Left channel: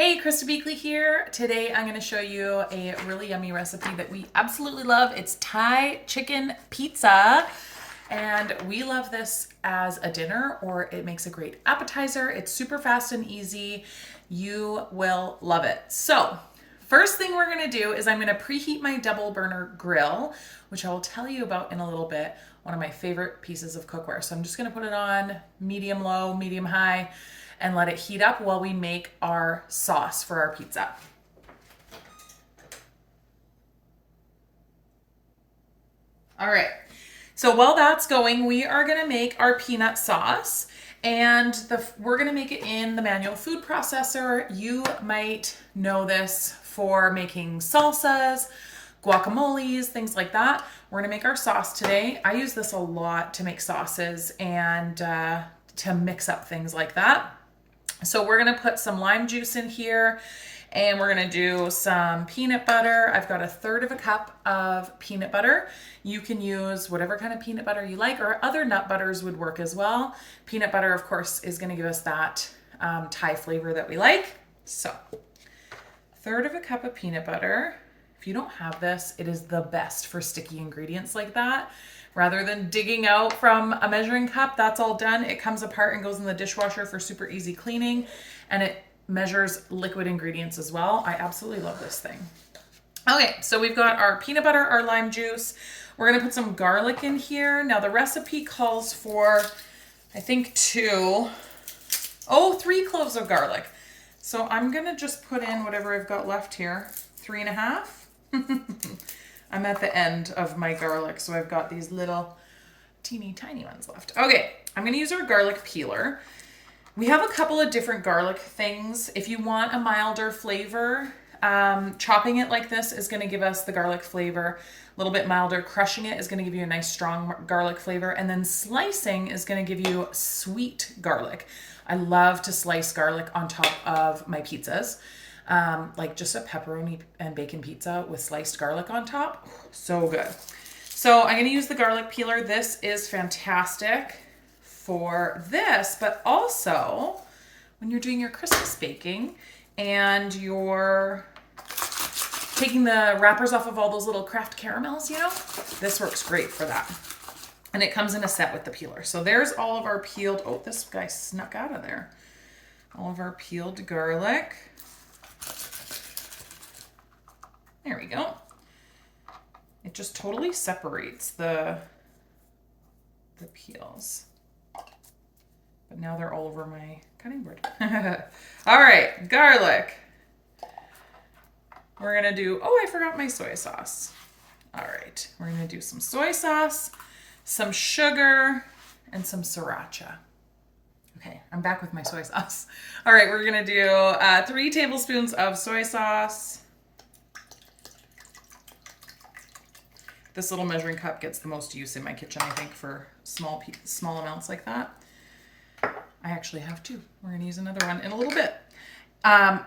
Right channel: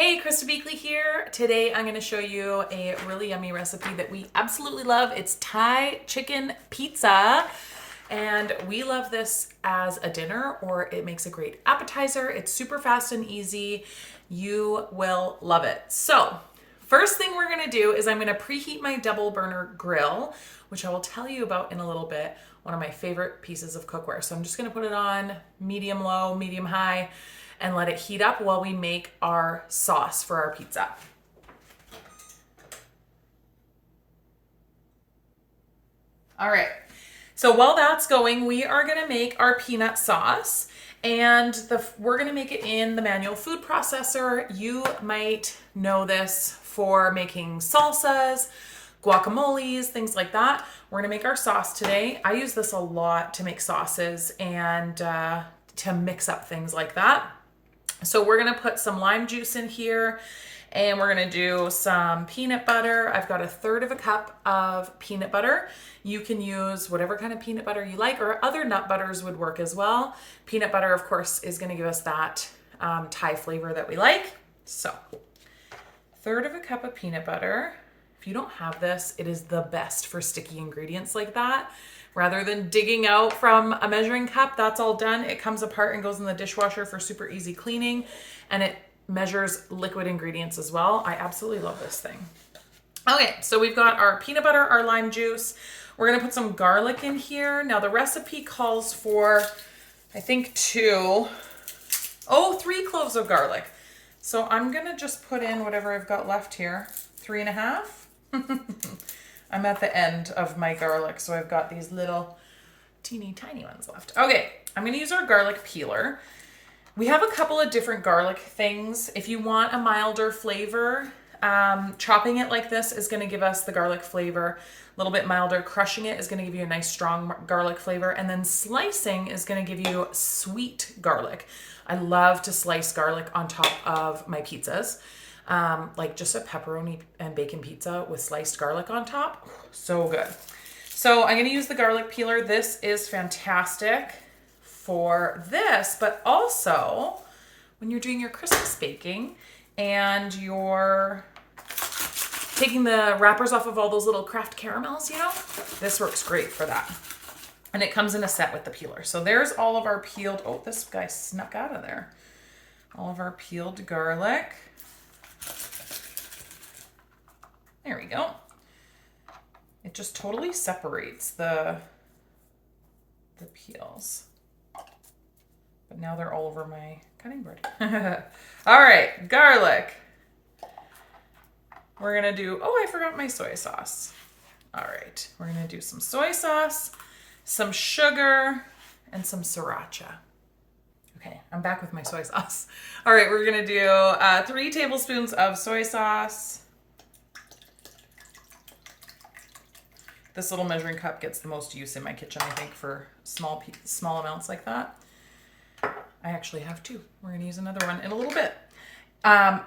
Hey, Krista Beakley here. Today I'm going to show you a really yummy recipe that we absolutely love. It's Thai chicken pizza. And we love this as a dinner, or it makes a great appetizer. It's super fast and easy. You will love it. So first thing we're going to do is I'm going to preheat my double burner grill, which I will tell you about in a little bit. One of my favorite pieces of cookware. So I'm just going to put it on medium low, medium high, and let it heat up while we make our sauce for our pizza. All right, so while that's going, we are gonna make our peanut sauce, and we're gonna make it in the manual food processor. You might know this for making salsas, guacamoles, things like that. We're gonna make our sauce today. I use this a lot to make sauces and to mix up things like that. So we're gonna put some lime juice in here, and we're gonna do some peanut butter. I've got 1/3 cup of peanut butter. You can use whatever kind of peanut butter you like, or other nut butters would work as well. Peanut butter, of course, is gonna give us that Thai flavor that we like. So 1/3 cup of peanut butter. If you don't have this, it is the best for sticky ingredients like that. Rather than digging out from a measuring cup, that's all done. It comes apart and goes in the dishwasher for super easy cleaning, and it measures liquid ingredients as well. I absolutely love this thing. Okay, so we've got our peanut butter, our lime juice. We're gonna put some garlic in here. Now the recipe calls for, I think 3 cloves of garlic. So I'm gonna just put in whatever I've got left here, 3.5. I'm at the end of my garlic, so I've got these little teeny tiny ones left. Okay, I'm gonna use our garlic peeler. We have a couple of different garlic things. If you want a milder flavor, chopping it like this is gonna give us the garlic flavor. A little bit milder. Crushing it is gonna give you a nice strong garlic flavor. And then slicing is gonna give you sweet garlic. I love to slice garlic on top of my pizzas. Like just a pepperoni and bacon pizza with sliced garlic on top. So good. So I'm going to use the garlic peeler. This is fantastic for this, but also when you're doing your Christmas baking and you're taking the wrappers off of all those little craft caramels, this works great for that. And it comes in a set with the peeler. So there's all of our peeled, oh, this guy snuck out of there. All of our peeled garlic. There we go. It just totally separates the peels. But now they're all over my cutting board. All right, garlic. We're gonna do, I forgot my soy sauce. All right, we're gonna do some soy sauce, some sugar, and some sriracha. Okay, I'm back with my soy sauce. All right, we're gonna do 3 tablespoons of soy sauce. This little measuring cup gets the most use in my kitchen, I think, for small amounts like that. I actually have 2. We're gonna use another one in a little bit.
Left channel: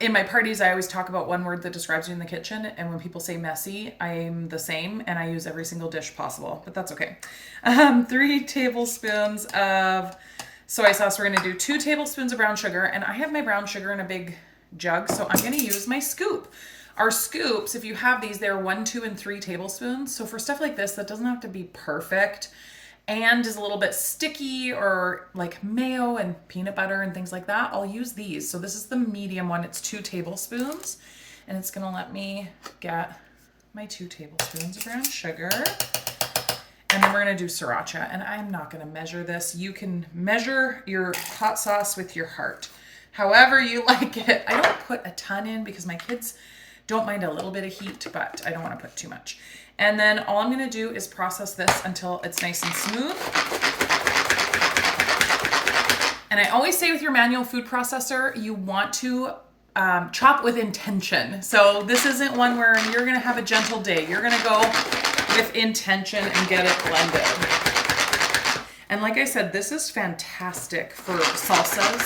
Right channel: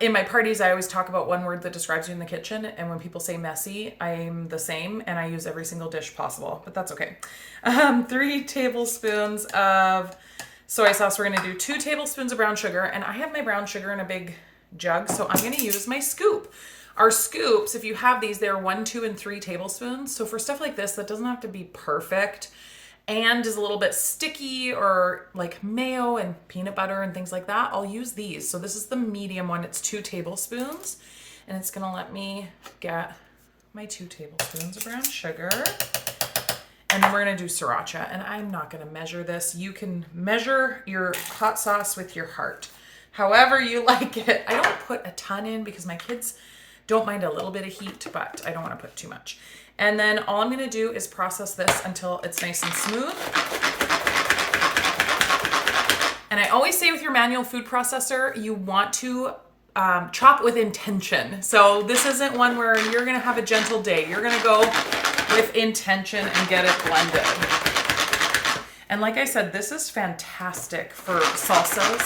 In my parties, I always talk about one word that describes you in the kitchen, and when people say messy, I'm the same, and I use every single dish possible, but that's okay. 3 tablespoons of soy sauce. We're gonna do 2 tablespoons of brown sugar, and I have my brown sugar in a big jug, so I'm gonna use my scoop. Our scoops, if you have these, they're 1, 2, and 3 tablespoons. So for stuff like this, that doesn't have to be perfect and is a little bit sticky, or like mayo and peanut butter and things like that, I'll use these. So this is the medium one. It's 2 tablespoons, and it's gonna let me get my 2 tablespoons of brown sugar. And then we're gonna do sriracha, and I'm not gonna measure this. You can measure your hot sauce with your heart, however you like it. I don't put a ton in because my kids don't mind a little bit of heat, but I don't want to put too much. And then all I'm going to do is process this until it's nice and smooth. And I always say with your manual food processor, you want to chop with intention. So this isn't one where you're going to have a gentle day. You're going to go with intention and get it blended. And like I said, this is fantastic for salsas.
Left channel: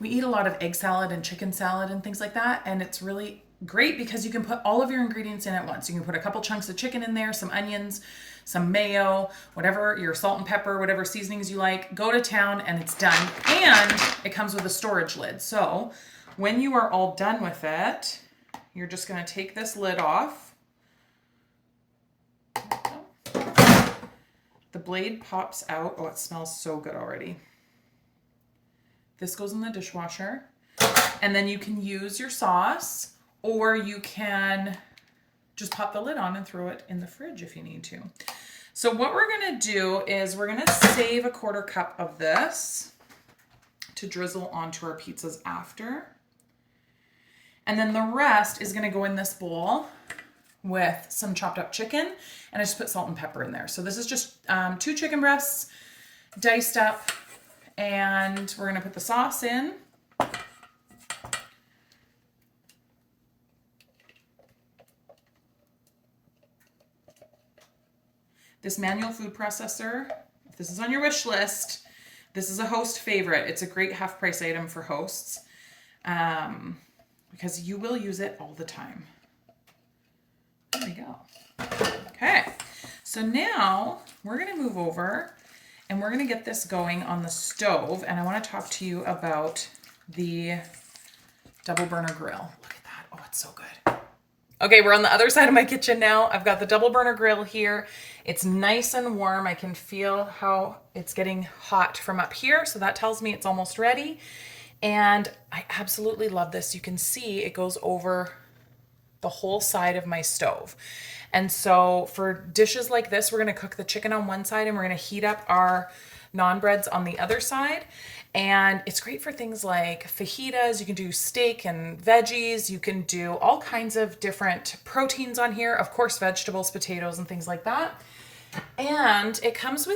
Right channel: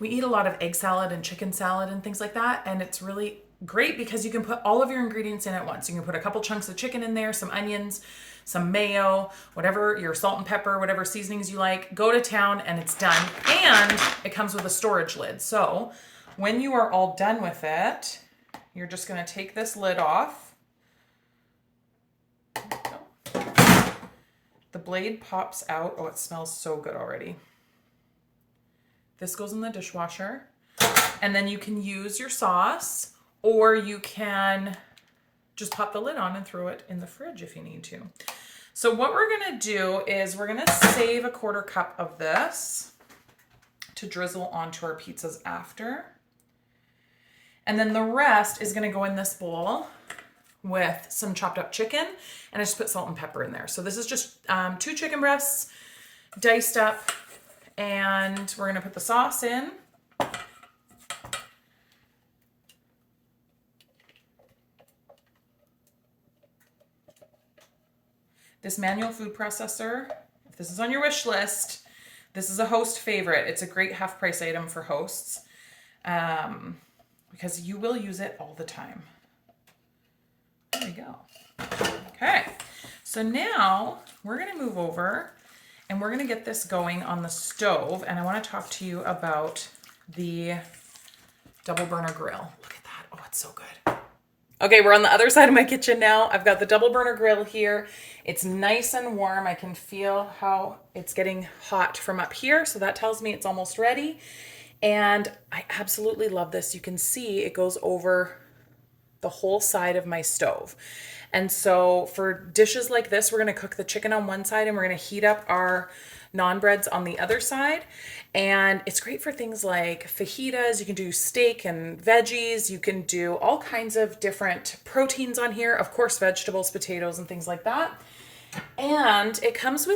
We eat a lot of egg salad and chicken salad and things like that, and it's really great because you can put all of your ingredients in at once. You can put a couple chunks of chicken in there, some onions, some mayo, whatever, your salt and pepper, whatever seasonings you like, go to town and it's done. And it comes with a storage lid. So when you are all done with it, you're just gonna take this lid off. The blade pops out. Oh, it smells so good already. This goes in the dishwasher. And then you can use your sauce, or you can just pop the lid on and throw it in the fridge if you need to. So what we're gonna do is we're gonna save a 1/4 cup of this to drizzle onto our pizzas after. And then the rest is gonna go in this bowl with some chopped up chicken, and I just put salt and pepper in there. So this is just 2 chicken breasts diced up, and we're gonna put the sauce in. This manual food processor, if this is on your wish list, this is a host favorite. It's a great half price item for hosts because you will use it all the time. There we go. Okay, so now we're gonna move over and we're gonna get this going on the stove, and I wanna talk to you about the double burner grill. Look at that, oh, it's so good. Okay, we're on the other side of my kitchen now. I've got the double burner grill here. It's nice and warm. I can feel how it's getting hot from up here, so that tells me it's almost ready. And I absolutely love this. You can see it goes over the whole side of my stove. And so for dishes like this, we're gonna cook the chicken on one side and we're gonna heat up our naan breads on the other side. And it's great for things like fajitas. You can do steak and veggies. You can do all kinds of different proteins on here. Of course, vegetables, potatoes, and things like that. And it comes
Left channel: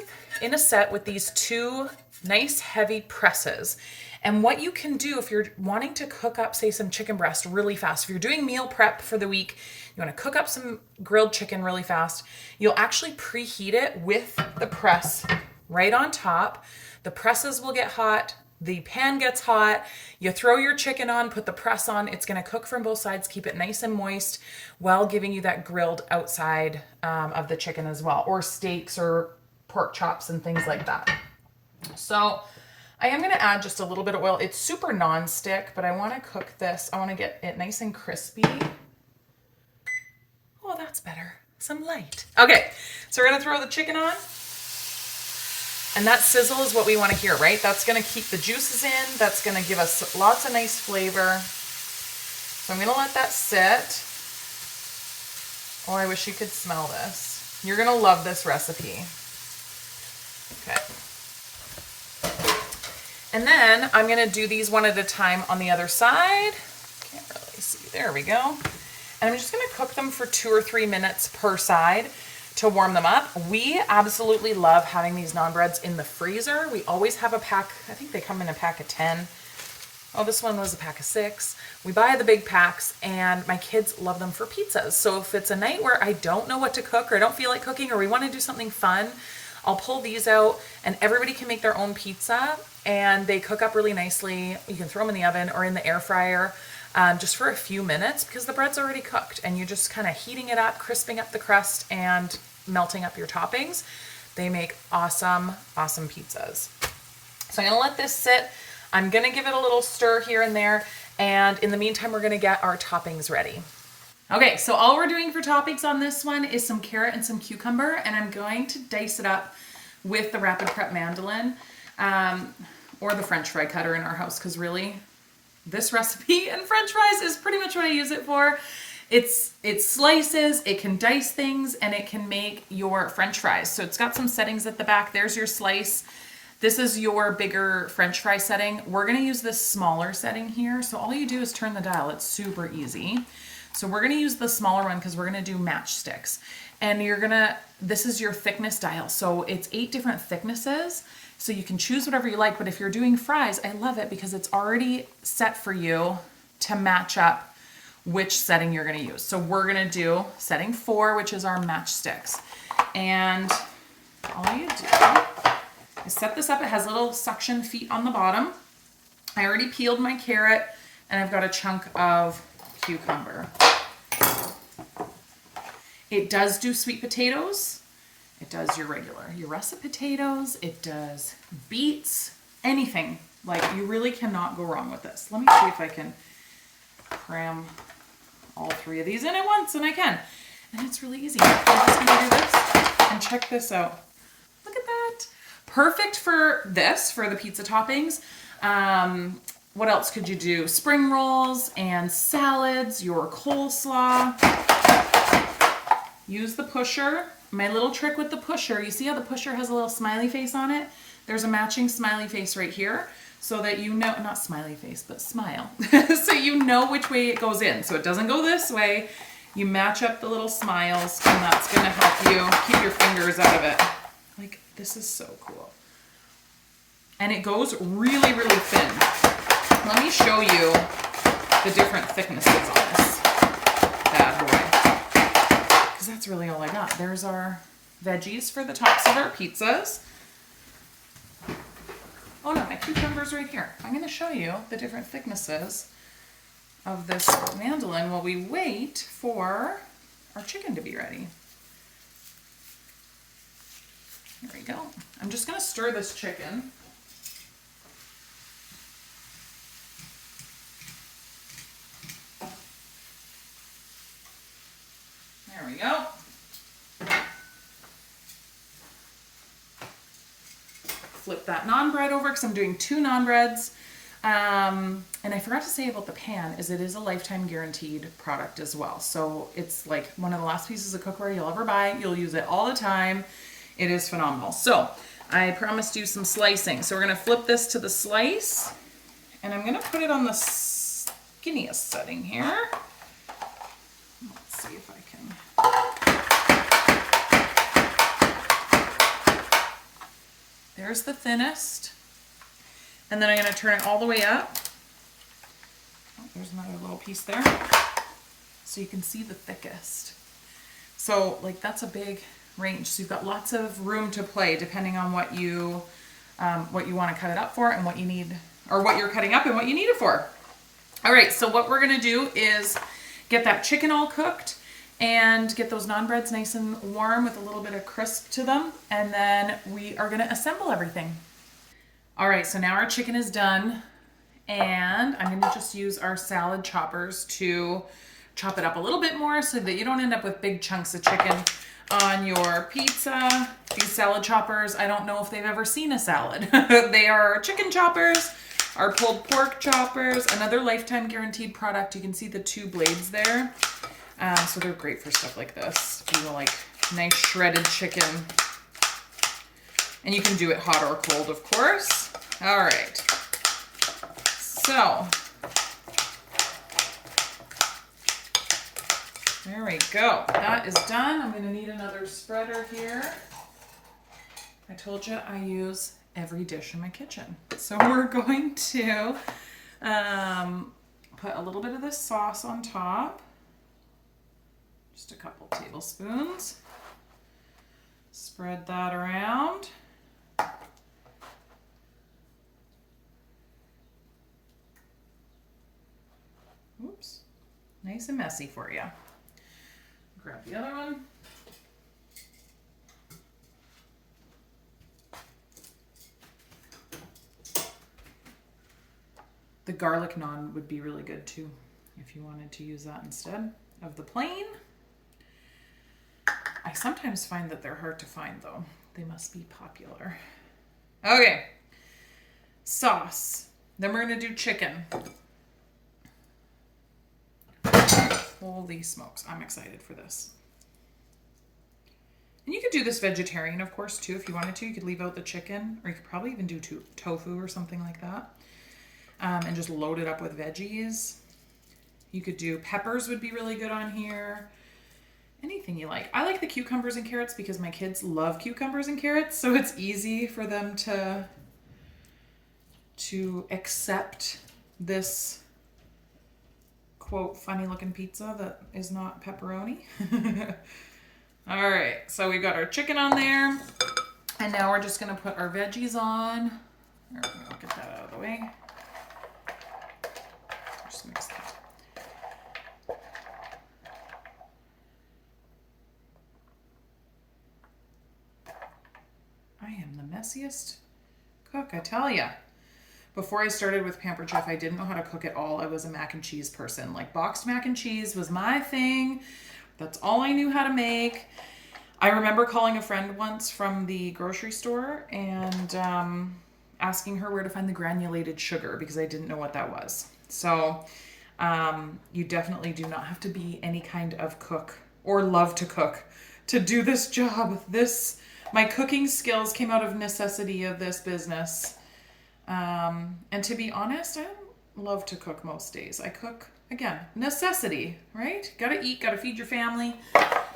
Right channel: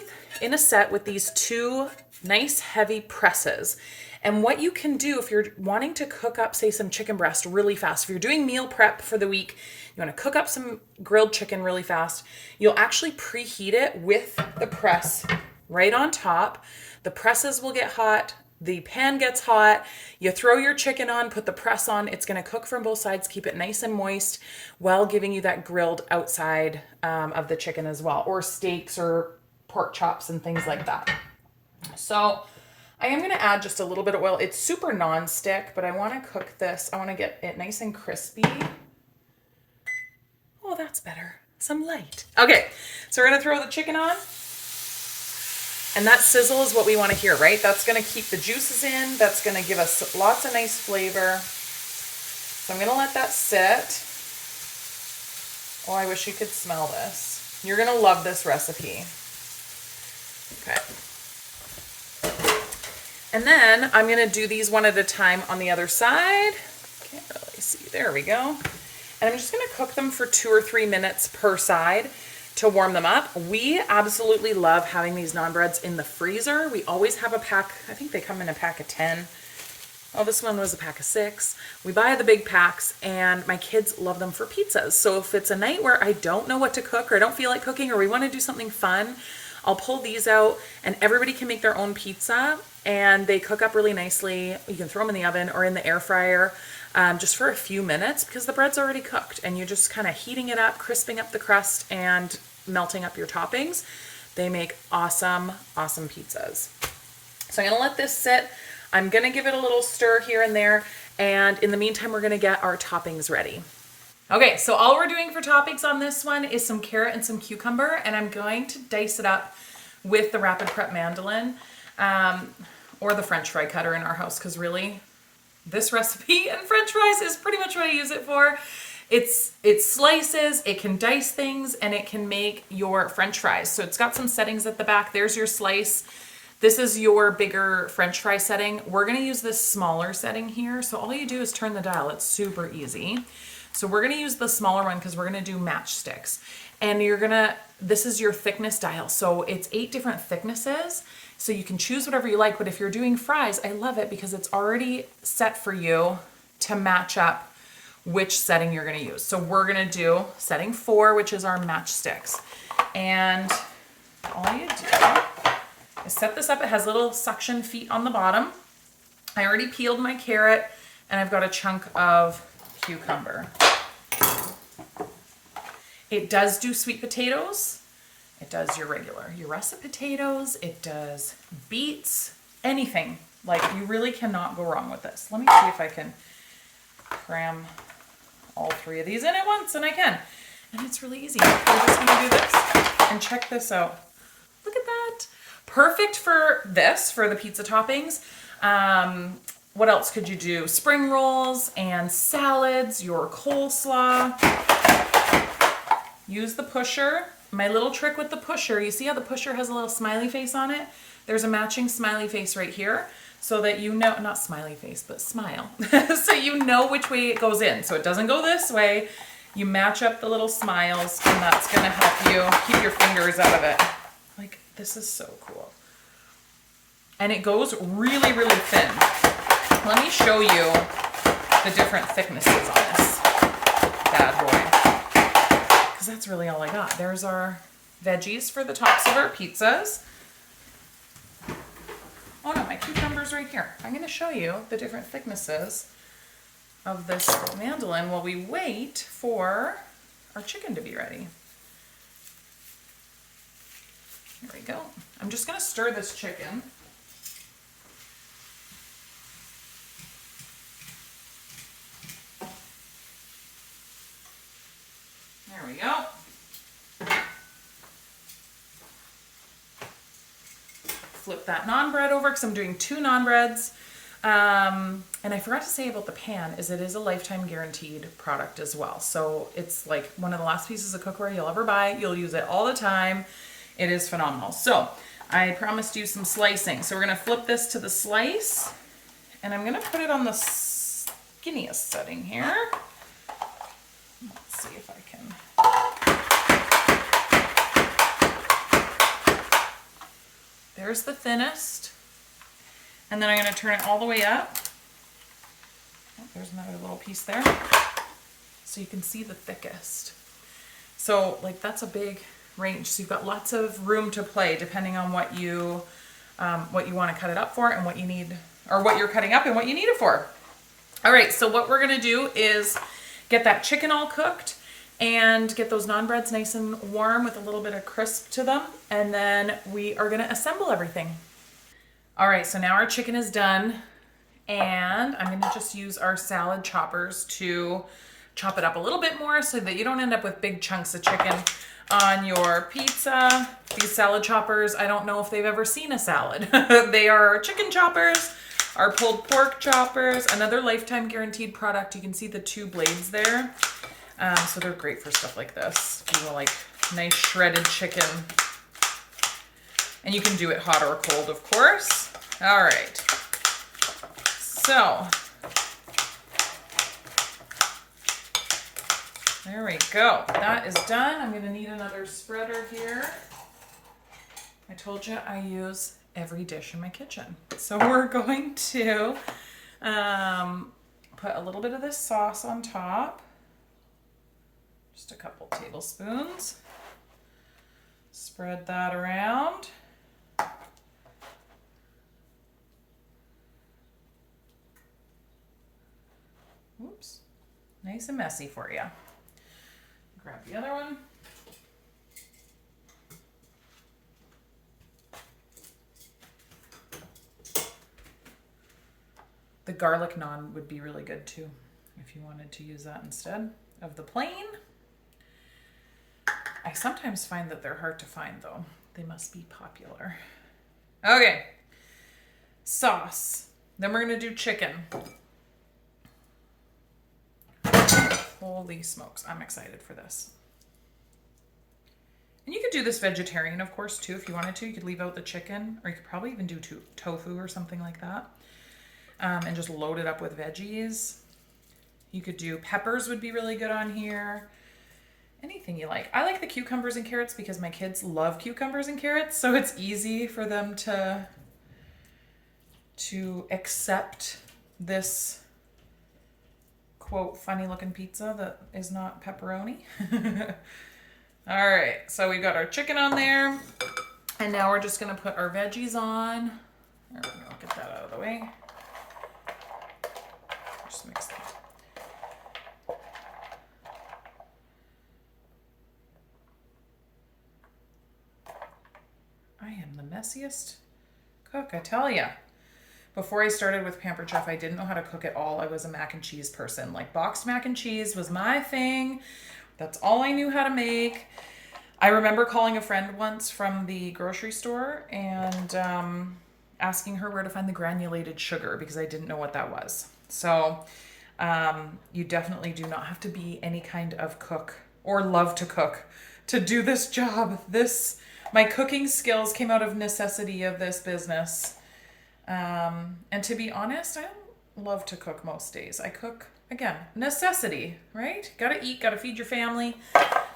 in a set with these 2 nice heavy presses. And what you can do if you're wanting to cook up, say, some chicken breast really fast, if you're doing meal prep for the week, you want to cook up some grilled chicken really fast, you'll actually preheat it with the press right on top. The presses will get hot, the pan gets hot, you throw your chicken on, put the press on, it's gonna cook from both sides, keep it nice and moist while giving you that grilled outside of the chicken as well, or steaks or pork chops and things like that. So I am gonna add just a little bit of oil. It's super non-stick, but I wanna cook this, I wanna get it nice and crispy. Oh, that's better, some light. Okay, so we're gonna throw the chicken on. And that sizzle is what we want to hear, right? That's going to keep the juices in. That's going to give us lots of nice flavor. So I'm going to let that sit. Oh, I wish you could smell this. You're going to love this recipe. Okay. And then I'm going to do these one at a time on the other side. Can't really see. There we go. And I'm just going to cook them for 2 or 3 minutes per side to warm them up. We absolutely love having these naan breads in the freezer. We always have a pack. I think they come in a pack of 10. Oh, this one was a pack of 6. We buy the big packs and my kids love them for pizzas. So if it's a night where I don't know what to cook or I don't feel like cooking or we want to do something fun, I'll pull these out and everybody can make their own pizza and they cook up really nicely. You can throw them in the oven or in the air fryer just for a few minutes because the bread's already cooked and you're just kind of heating it up, crisping up the crust and melting up your toppings. They make awesome, awesome pizzas. So I'm gonna let this sit. I'm gonna give it a little stir here and there. And in the meantime, we're gonna get our toppings ready. Okay, so all we're doing for toppings on this one is some carrot and some cucumber, and I'm going to dice it up with the Rapid Prep mandolin or the French fry cutter in our house, because really, this recipe and French fries is pretty much what I use it for. It slices, it can dice things, and it can make your French fries. So it's got some settings at the back. There's your slice. This is your bigger French fry setting. We're gonna use this smaller setting here. So all you do is turn the dial. It's super easy. So we're gonna use the smaller one because we're gonna do matchsticks. And this is your thickness dial. So it's 8 different thicknesses. So you can choose whatever you like, but if you're doing fries, I love it because it's already set for you to match up which setting you're gonna use. So we're gonna do setting 4, which is our matchsticks. And all you do is set this up. It has little suction feet on the bottom. I already peeled my carrot and I've got a chunk of cucumber. It does do sweet potatoes. It does your russet potatoes. It does beets, anything. Like, you really cannot go wrong with this. Let me see if I can cram all 3 of these in at once, and I can. And it's really easy. I'm just gonna do this and check this out. Look at that. Perfect for this, for the pizza toppings. What else could you do? Spring rolls and salads, your coleslaw. Use the pusher. My little trick with the pusher, you see how the pusher has a little smiley face on it? There's a matching smiley face right here so that you know, not smiley face, but smile. So you know which way it goes in. So it doesn't go this way. You match up the little smiles, and that's gonna help you keep your fingers out of it. Like, this is so cool. And it goes really, really thin. Let me show you the different thicknesses on this bad boy. Because that's really all I got. There's our veggies for the tops of our pizzas. Oh no, my cucumber's right here. I'm going to show you the different thicknesses of this mandolin while we wait for our chicken to be ready. There we go. I'm just going to stir this chicken. There we go. Flip that naan bread over because I'm doing 2 naan breads. And I forgot to say about the pan is it is a lifetime guaranteed product as well. So it's like one of the last pieces of cookware you'll ever buy. You'll use it all the time. It is phenomenal. So I promised you some slicing. So we're going to flip this to the slice, and I'm going to put it on the skinniest setting here. Let's see if I can. There's the thinnest. And then I'm going to turn it all the way up. Oh, there's another little piece there. So you can see the thickest. So like that's a big range. So you've got lots of room to play depending on what you want to cut it up for and what you need, or what you're cutting up and what you need it for. All right, so what we're going to do is get that chicken all cooked and get those naan breads nice and warm with a little bit of crisp to them. And then we are going to assemble everything. All right, so now our chicken is done, and I'm going to just use our salad choppers to chop it up a little bit more so that you don't end up with big chunks of chicken on your pizza. These salad choppers, I don't know if they've ever seen a salad. They are chicken choppers, our pulled pork choppers, another lifetime guaranteed product. You can see the 2 blades there. So they're great for stuff like this. You know, like nice shredded chicken. And you can do it hot or cold, of course. All right. So, there we go. That is done. I'm going to need another spreader here. I told you I use every dish in my kitchen. So we're going to put a little bit of this sauce on top. Just a couple tablespoons. Spread that around. Oops, nice and messy for you. Grab the other one. The garlic naan would be really good too, if you wanted to use that instead of the plain. I sometimes find that they're hard to find though. They must be popular. Okay, sauce. Then we're gonna do chicken. Holy smokes, I'm excited for this. And you could do this vegetarian, of course, too, if you wanted to. You could leave out the chicken, or you could probably even do tofu or something like that. And just load it up with veggies. You could do peppers would be really good on here. Anything you like. I like the cucumbers and carrots because my kids love cucumbers and carrots, so it's easy for them to accept this quote funny looking pizza that is not pepperoni. All right, so we got our chicken on there, and now we're just gonna put our veggies on. There we go, get that out of the way. Just mix that. messiest cook, I tell ya. Before I started with Pampered Chef, I didn't know how to cook at all. I was a mac and cheese person. Like boxed mac and cheese was my thing. That's all I knew how to make. I remember calling a friend once from the grocery store and asking her where to find the granulated sugar because I didn't know what that was. So you definitely do not have to be any kind of cook or love to cook to do this job. My cooking skills came out of necessity of this business. And to be honest, I don't love to cook most days. I cook, again, necessity, right? Gotta eat, gotta feed your family.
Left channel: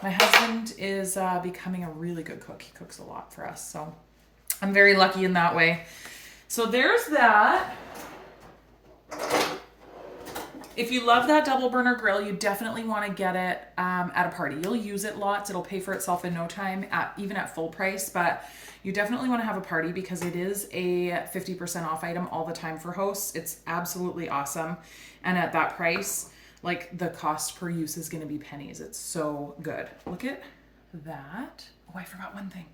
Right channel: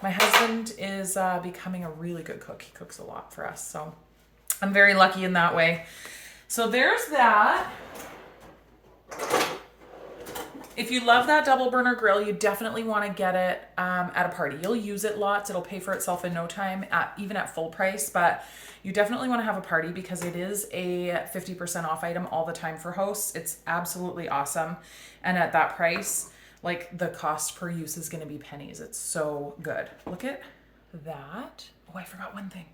My husband is becoming a really good cook. He cooks a lot for us, so I'm very lucky in that way. So there's that. If you love that double burner grill, you definitely want to get it at a party. You'll use it lots. It'll pay for itself in no time, even at full price, but you definitely want to have a party because it is a 50% off item all the time for hosts. It's absolutely awesome. And at that price, like the cost per use is going to be pennies. It's so good. Look at that. Oh, I forgot one thing.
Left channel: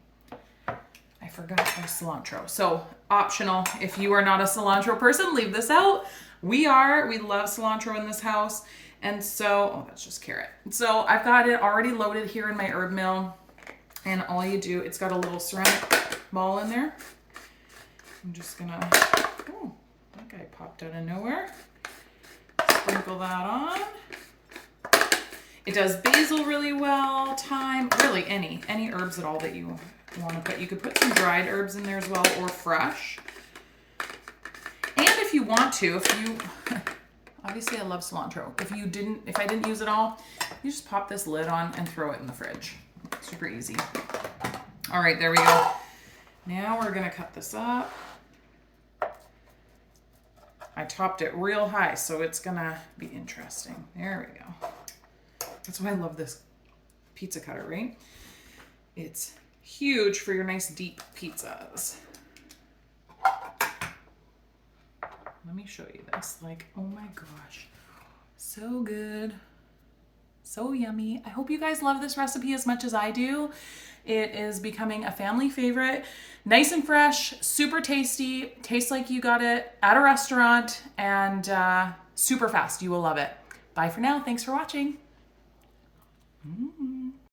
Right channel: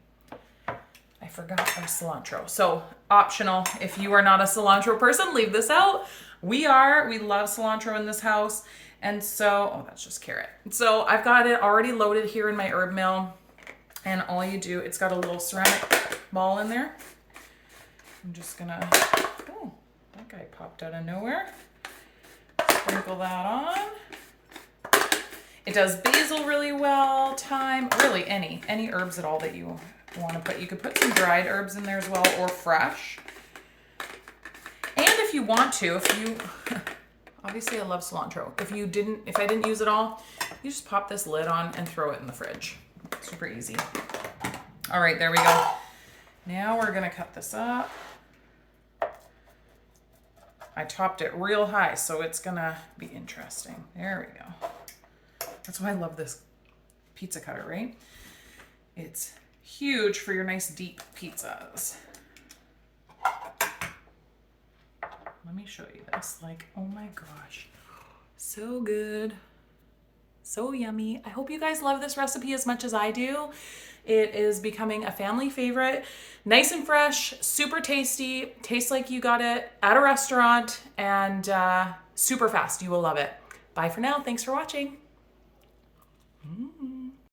I forgot our cilantro. So optional. If you are not a cilantro person, leave this out. We love cilantro in this house. And so, oh, that's just carrot. So I've got it already loaded here in my herb mill. And all you do, it's got a little ceramic ball in there. I'm just gonna, oh, that guy popped out of nowhere. Sprinkle that on. It does basil really well, thyme, really any herbs at all that you want to put. You could put some dried herbs in there as well, or fresh. And if you want to, obviously I love cilantro. If I didn't use it all, you just pop this lid on and throw it in the fridge. Super easy. All right, there we go. Now we're gonna cut this up. I topped it real high, so it's gonna be interesting. There we go. That's why I love this pizza cutter, right? It's huge for your nice deep pizzas. Let me show you this. Like, oh my gosh. So good. So yummy. I hope you guys love this recipe as much as I do. It is becoming a family favorite. Nice and fresh, super tasty, tastes like you got it at a restaurant, and super fast. You will love it. Bye for now. Thanks for watching.